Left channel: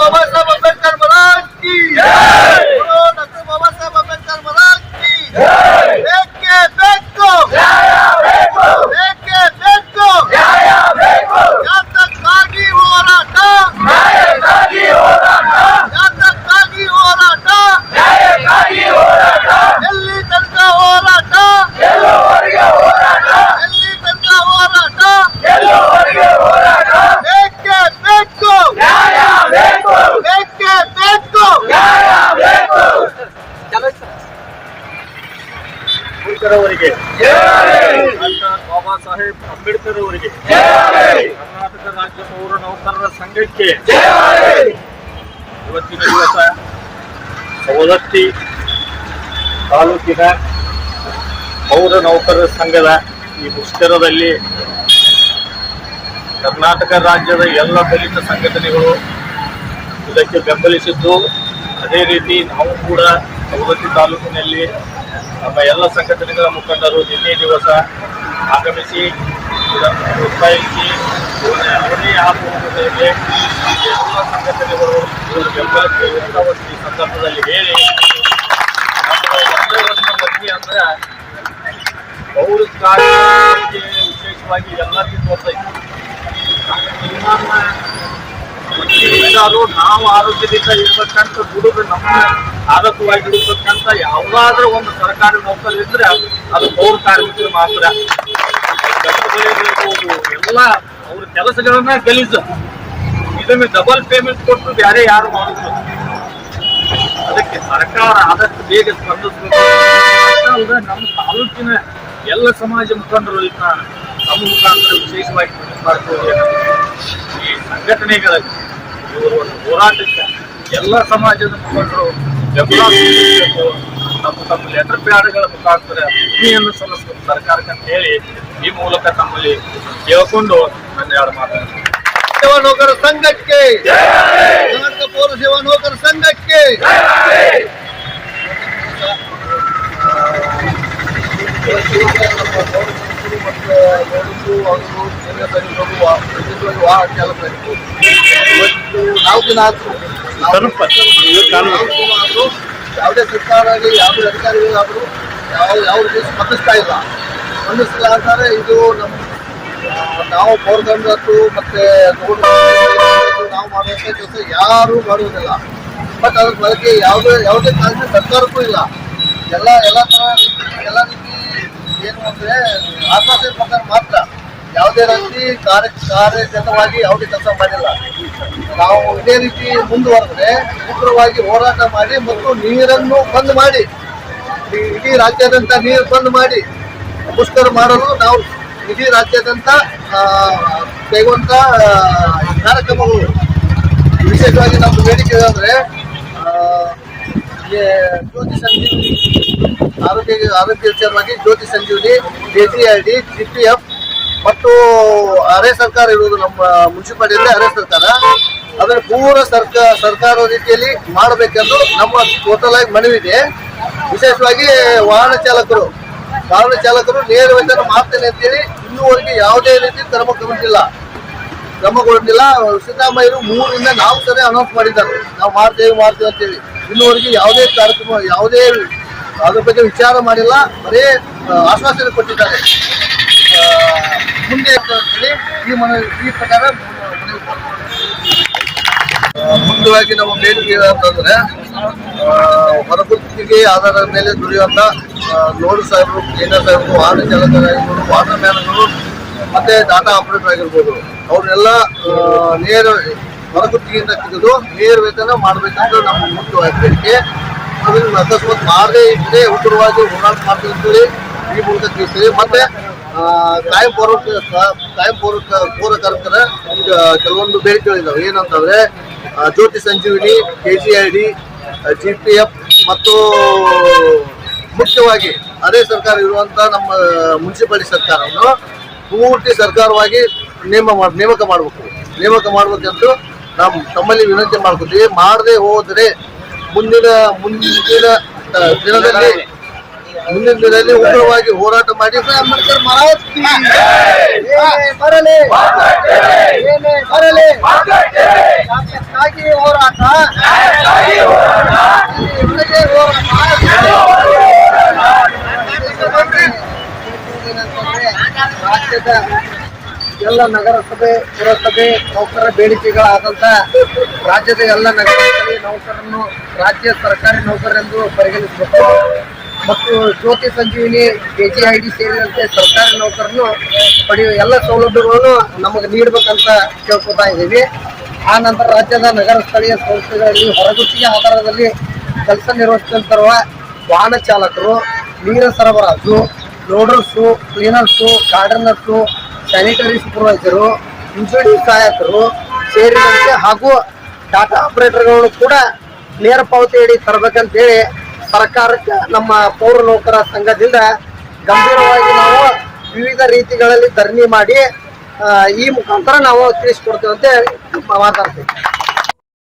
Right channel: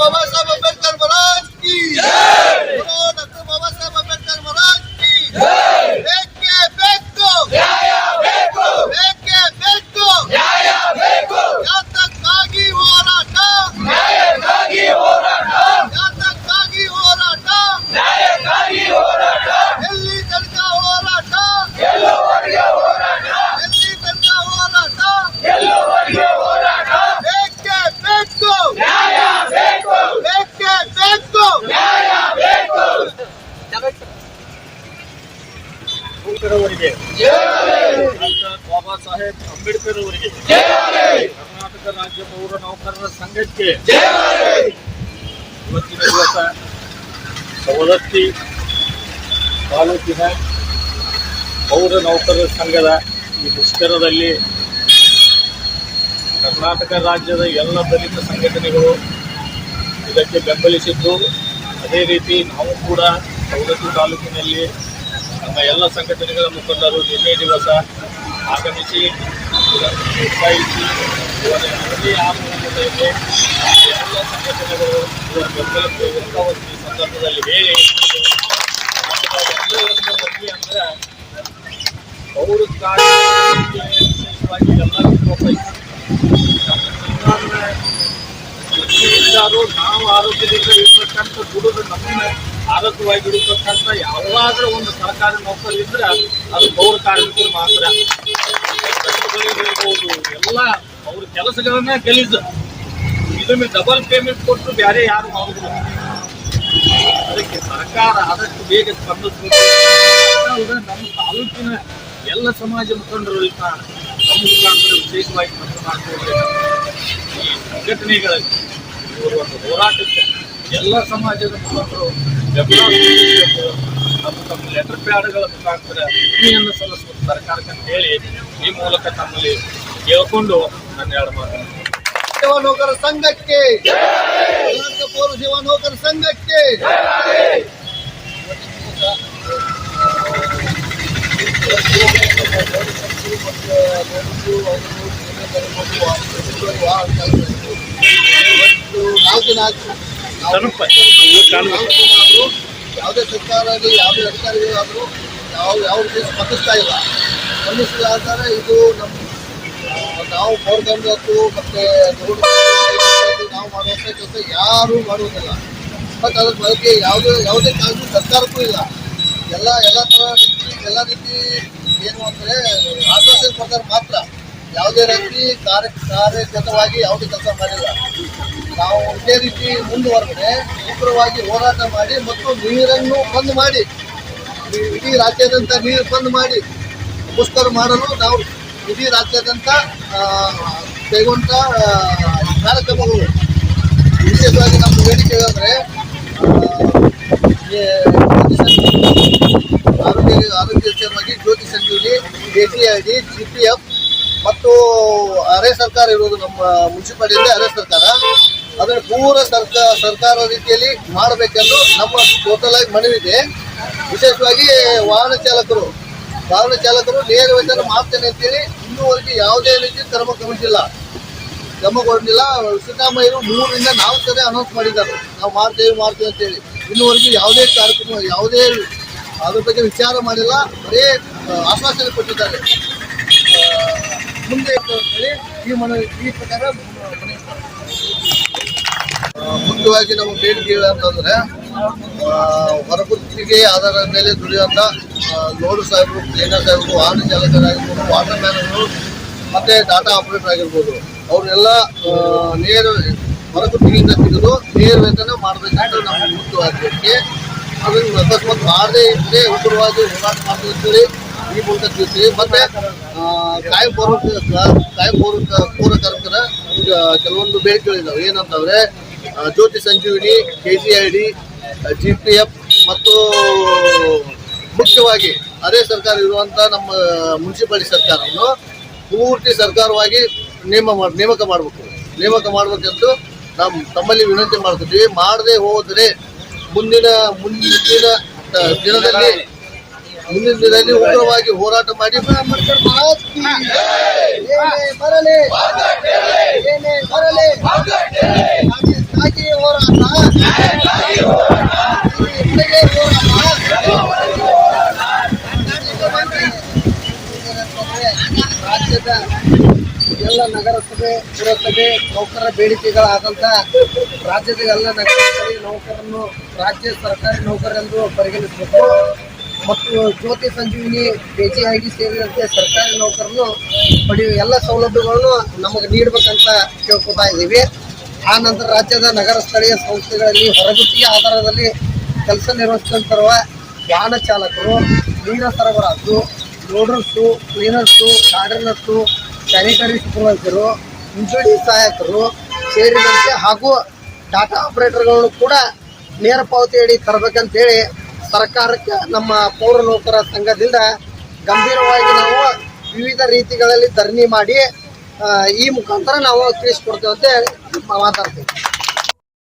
बाबा साहब अम्बेडकर महाराज की जय। बोलो डॉक्टर बाबा साहब अम्बेडकर महाराज की जय। बेके बेको बेके बेको ಯಾತಕ್ಕಾಗಿ ಹೋರಾಟ ನ್ಯಾಯಕ್ಕಾಗಿ ಹೋರಾಟ ಯಾತಕ್ಕಾಗಿ ಹೋರಾಟ ನ್ಯಾಯಕ್ಕಾಗಿ ಹೋರಾಟ ಎಲ್ಲಿ ತನಕ ಹೋರಾಟ ಗೆಲ್ಲುವವರೆಗೆ ಹೋರಾಟ ಎಲ್ಲಿ ತನಕ ಹೋರಾಟ ಗೆಲ್ಲುವವರೆಗೆ ಹೋರಾಟ ಬೇಕೇ ಬೇಕು ನ್ಯಾಯ ಬೇಕು ಬೇಕೇ ಬೇಕು ನ್ಯಾಯ ಬೇಕು ಅವರಿಗೆ ಬಾಬಾ ಸಾಹೇಬ್ ಅಂಬೇಡ್ಕರ್ ಅವರಿಗೆ ಕರ್ನಾಟಕ ರಾಜ್ಯ ಪೌರ ನೌಕರರ ಸಂಘಕ್ಕೆ ಇವತ್ತಿನ ದಿವಸ ಸವದತ್ತಿ ತಾಲೂಕಿನ ಪೌರ ನೌಕರರ ಸಂಘದ ಈ ಮುಷ್ಕರದಲ್ಲಿ ಕರ್ನಾಟಕ ರಾಜ್ಯದ ಎಲ್ಲ ದಲಿತ ಸಂಘಟನೆಗಳು ಇದಕ್ಕೆ ಬೆಂಬಲಿಸಿದ್ದು, ಅದೇ ರೀತಿ ನಾವು ಕೂಡ ಸವದತ್ತಿ ತಾಲೂಕಿನಲ್ಲಿ ನಮ್ಮ ಎಲ್ಲ ಸಂಘಟನೆಗಳ ಮುಖಂಡರು ನಿನ್ನೆ ದಿವಸ ಆಗಮಿಸಿ ಉತ್ಸಾಹಿಸಿ ಇವರ ಅವಧಿ ಆಗುವುದಕ್ಕೆ ಎಲ್ಲ ಸಂಘಟನೆಗಳು ಇವರ ಬೆಂಬಲಕ್ಕೆ ವ್ಯಕ್ತವಾಗಿ ಈ ಸಂದರ್ಭದಲ್ಲಿ ಹೇಳಿ ಒಂದೇ ಒಂದು ಮನವಿ ಅಂದ್ರೆ ಪೌರ ಕಾರ್ಮಿಕರಿಗೆ ವಿಶೇಷವಾಗಿ ಎಲ್ಲರಿಗೂ ಗೊತ್ತಾಯಿತು. ನಾವು ಆರೋಗ್ಯದಿಂದ ಇರ್ಬೇಕಂತ ದುಡಿದು ನಮ್ಮ ಆರೋಗ್ಯವಾಗಿ ಇಡಬೇಕಂತ ಯಾವುದಾದ್ರೂ ಒಂದು ಸರ್ಕಾರಿ ನೌಕರರಿದ್ರೆ ಅದು ಪೌರ ಕಾರ್ಮಿಕರು ಮಾತ್ರ. ಎಲ್ಲ ಅವ್ರ ಕೆಲಸಗಳನ್ನ ಗಲೀಜು, ಇದನ್ನು ಡಬಲ್ ಪೇಮೆಂಟ್ ಕೊಟ್ಟು ಬೇರೆ ಯಾರು ಮಾಡುದಿಲ್ಲ. ಅದಕ್ಕೆ ಸರ್ಕಾರ ಆದಷ್ಟು ಬೇಗ ಸ್ಪಂದಿಸಬೇಕು. ನಮ್ಮ ತಾಲೂಕಿನ ಎಲ್ಲ ಸಮಾಜ ಮುಖಂಡರು ನಮ್ಮ ಮುಖಾಂತರ ವಿಶೇಷವಾಗಿ ಈ ಸಂಘಟನೆಗಳಲ್ಲಿ ಇವರು ಒಂದು ಹೋರಾಟಕ್ಕೆ ಎಲ್ಲ ಸಮಾಜದ ಮುಖಂಡರು ಬೆಂಬಲ ಸೂಚಿಸಬೇಕು. ತಮ್ಮ ಲೆಟರ್ ಪ್ಯಾಡ್ಗಳ ಮುಖಾಂತರ ಭೂಮಿಯನ್ನು ಸಲ್ಲಿಸಬೇಕು ಸರ್ಕಾರಕ್ಕೆ ಅಂತ ಹೇಳಿ ಈ ಮೂಲಕ ತಮ್ಮಲ್ಲಿ ಕೇಳಿಕೊಂಡು ನನ್ನ ಎರಡು ಮಾತಾಡ್ತೀನಿ. ಸೇವಾ ನೌಕರ ಸಂಘಕ್ಕೆ ಕರ್ನಾಟಕ ಪೌರ ಸೇವಾ ನೌಕರ ಸಂಘಕ್ಕೆ ಯಾವುದೇ ಸರ್ಕಾರ ಆಗಲಿ ಯಾವುದೇ ಅಧಿಕಾರಿಗಳಾದರೂ ಯಾವುದೇ ಸ್ಪಂದಿಸ್ತಾ ಇಲ್ಲ. ಸ್ಪಂದಿಸ್ತಾರೆ ಇದು ನಮ್ಮ ನಾವು ಪೌರದಂಡದ್ದು ಮತ್ತೆ ನಾವು ಮಾಡುವಂಥ ಕೆಲಸ ಯಾರೂ ಮಾಡುವುದಿಲ್ಲ. ಬಟ್ ಅದ್ರ ಬಗ್ಗೆ ಯಾವುದೇ ಕಾಳಜಿ ಸರ್ಕಾರಕ್ಕೂ ಇಲ್ಲ. ಎಲ್ಲ ರೀತಿ ಏನು ಅಂದರೆ ಆಶ್ವಾಸನೆ ಕೊಡ್ತಾರೆ ಮಾತ್ರ. ಯಾವುದೇ ರೀತಿ ಕಾರ್ಯಗತವಾಗಿ ಯಾವುದೇ ಕೆಲಸ ಮಾಡಿಲ್ಲ. ನಾವು ಇದೇ ರೀತಿ ಮುಂದುವರೆದ್ರೆ ಉಗ್ರವಾಗಿ ಹೋರಾಟ ಮಾಡಿ ಮತ್ತು ನೀರನ್ನು ಬಂದ್ ಮಾಡಿ, ಇಡೀ ರಾಜ್ಯಾದ್ಯಂತ ನೀರು ಬಂದ್ ಮಾಡಿ ಮುಷ್ಕರ ಮಾಡಲು ನಾವು ಇಡೀ ರಾಜ್ಯಾದ್ಯಂತ ಕೈಗೊಂಡ ಕಾರ್ಯಕ್ರಮಗಳು. ವಿಶೇಷವಾಗಿ ನಮ್ಮ ಬೇಡಿಕೆ ಅಂದರೆ ಆರೋಗ್ಯ ವಿಚಾರವಾಗಿ ಜ್ಯೋತಿ ಸಂಜೀವಿನಿ, KCID, GPF ಮತ್ತು ಅರೆ ಸರ್ಕಾರ ಇರುವುದು ನಮ್ಮ ಮುನ್ಸಿಪಾಲಿಟಿಯಲ್ಲಿ ಅರೆ ಸರ್ಕಾರ, ಅದರ ಪೂರ ಸರ್ಕಾರ ರೀತಿಯಲ್ಲಿ ಮಾಡಬೇಕೆಂದು ನಮ್ಮ ಟೋಟಲ್ ಆಗಿ ಮನವಿದೆ. ವಿಶೇಷವಾಗಿ ವಾಹನ ಚಾಲಕರು ನೇರ ವೇತನ ಮಾಡ್ತೇನೆ ಅಂತೇಳಿ ಇನ್ನೂವರೆಗೆ ಯಾವುದೇ ರೀತಿ ಕ್ರಮಗೊಂಡಿಲ್ಲ. ಸಿದ್ದರಾಮಯ್ಯರು 3 ರಿಂದ 4 ಸರಿ ಅನೌನ್ಸ್ ಮಾಡಿದ್ದಾರೆ, ನಾವು ಮಾಡ್ತೇವೆ ಅಂತೇಳಿ. ಇನ್ನೂವರೆಗೆ ಯಾವುದೇ ಕಾರ್ಯಕ್ರಮ ಯಾವುದೇ ಅದ್ರ ಬಗ್ಗೆ ವಿಚಾರ ಮಾಡಿಲ್ಲ, ಬರೀ ಆಶ್ವಾಸನೆ ಕೊಟ್ಟಿದ್ದಾರೆ. ಮುಂದೆ ಅಂತೇಳಿ ಈ ಪ್ರಕಾರ ಮುಖ್ಯವಾಗಿ ನಮ್ಮ ಬೇಡಿಕೆ ಅಂತಂದ್ರೆ ಹೊರಗುತ್ತಿಗೆ ಆಧಾರದ ಮೇಲೆ ದುಡಿಯುವಂಥ ಲೋಡ್ ಸಾಹೇಬರು, ಕ್ಲೀನರ್ ಸಾಹೇಬರು, ವಾಹನ ಚಾಲಕರಾಗಿರ್ಬೋದು, ವಾಟರ್ ಮ್ಯಾನ್ಗಳು ಮತ್ತೆ ಡಾಟಾ ಆಪರೇಟರ್ ಆಗಿರ್ಬೋದು, ಅವರೆಲ್ಲ ನೇರ ಹೊರಗುತ್ತಿಗೆಯಿಂದ ತೆಗೆದು ನೇರ ವೇತನ ಮಾಡಬೇಕಂತ ನಮ್ಮ ಮುಖ್ಯವಾಗಿ ಬೇಡಿಕೆ. ಅದನ್ನು ಅಕಸ್ಮಾತ್ ಮಾಡದೇ ಇದ್ದರೆ ಉಗ್ರವಾಗಿ ಹೋರಾಟ ಮಾಡ್ತಿರ್ತೀವಿ ಈ ಮೂಲಕ ತಿಳಿಸ್ತೀವಿ. ಮತ್ತೆ ಕಾಯಂ ಪೌರ ಕಾರ್ಮಿಕರ ಕೆಲವೊಂದು ಬೇಡಿಕೆಗಳಿದ್ದಾವೆ. ಏನಂತಂದ್ರೆ ಜ್ಯೋತಿ ಸಂಜೀವಿನಿ, KCID, GPF ಮತ್ತು ಮುಖ್ಯವಾಗಿ ಅದೇ ಸರ್ಕಾರ ಇರುವಂಥ ನಮ್ಮ ಮುನ್ಸಿಪಾಲಿಟಿ ಸರ್ಕಾರವನ್ನು ಪೂರ್ತಿ ಸರ್ಕಾರವಾಗಿ ನೇಮಕ ಮಾಡಬೇಕೆಂದು ನಾವು ತಮ್ಮಲ್ಲಿ ವಿನಂತಿ ಮಾಡ್ಕೊತೀವಿ. ಮಾಡದೆ ಹೋದರೆ ಮುಂದಿನ ದಿನದಲ್ಲಿ ಉಗ್ರವಾಗಿ ಹೋರಾಟ ಮಾಡಿ ಬರಲಿ ಹೋರಾಟ ಹೋರಾಟ ಇಲ್ಲಿವರೆಗೆ ರಾಜ್ಯದ ಎಲ್ಲ ನಗರಸಭೆ ಪುರಸಭೆ ನೌಕರರ ಬೇಡಿಕೆಗಳಾದಂಥ ರಾಜ್ಯದ ಎಲ್ಲ ನಗರಸಭೆ ನೌಕರರನ್ನು ರಾಜ್ಯ ಸರ್ಕಾರಿ ನೌಕರರೆಂದು ಪರಿಗಣಿಸಬೇಕು ಮತ್ತು ಜ್ಯೋತಿ ಸಂಜೀವಿನಿ KGID ಸೇರಿದಂತೆ ಸರ್ಕಾರಿ ನೌಕರನ್ನು ಪಡೆಯುವ ಎಲ್ಲ ಸೌಲಭ್ಯಗಳನ್ನು ನಮಗೆ ನೀಡಬೇಕಂತ ಕೇಳ್ಕೊತಾ ಇದ್ದೀವಿ. ಆ ನಂತರ ರಾಜ್ಯದ ನಗರ ಸ್ಥಳೀಯ ಸಂಸ್ಥೆಗಳಲ್ಲಿ ಹೊರಗುತ್ತಿಗೆ ಆಧಾರದಲ್ಲಿ ಕೆಲಸ ನಿರ್ವಹಿಸುತ್ತಿರುವ ವಾಹನ ಚಾಲಕರು, ನೀರ ಸರಬರಾಜು, loaders, cleaners, ಗಾರ್ಡನರ್ಸು, sanitary supervisor, utility ಸಹಾಯಕರು ಸೇರಿದಂತೆ ಹಾಗೂ ಡಾಟಾ ಆಪರೇಟರ್ಗಳನ್ನು ಕೂಡ ನೇರ ಪಾವತಿಯಡಿ ತರಬೇಕಂತೇಳಿ ಸರ್ಕಾರಕ್ಕೆ ನಮ್ಮ ಪೌರ ನೌಕರ ಸಂಘದಿಂದ ಗಂಭೀರವಾಗಿ ನಾವು ವಿವಿಧ ರೀತಿಗಳಲ್ಲಿ ಧರಣಿ ಮಾಡಿ ಈ ಮುಖಾಂತರ ನಾವು ತಿಳಿಸ್ಕೊಡ್ತೇವೆ ಅಂತ ಮಾತಾಡ್ತೀವಿ.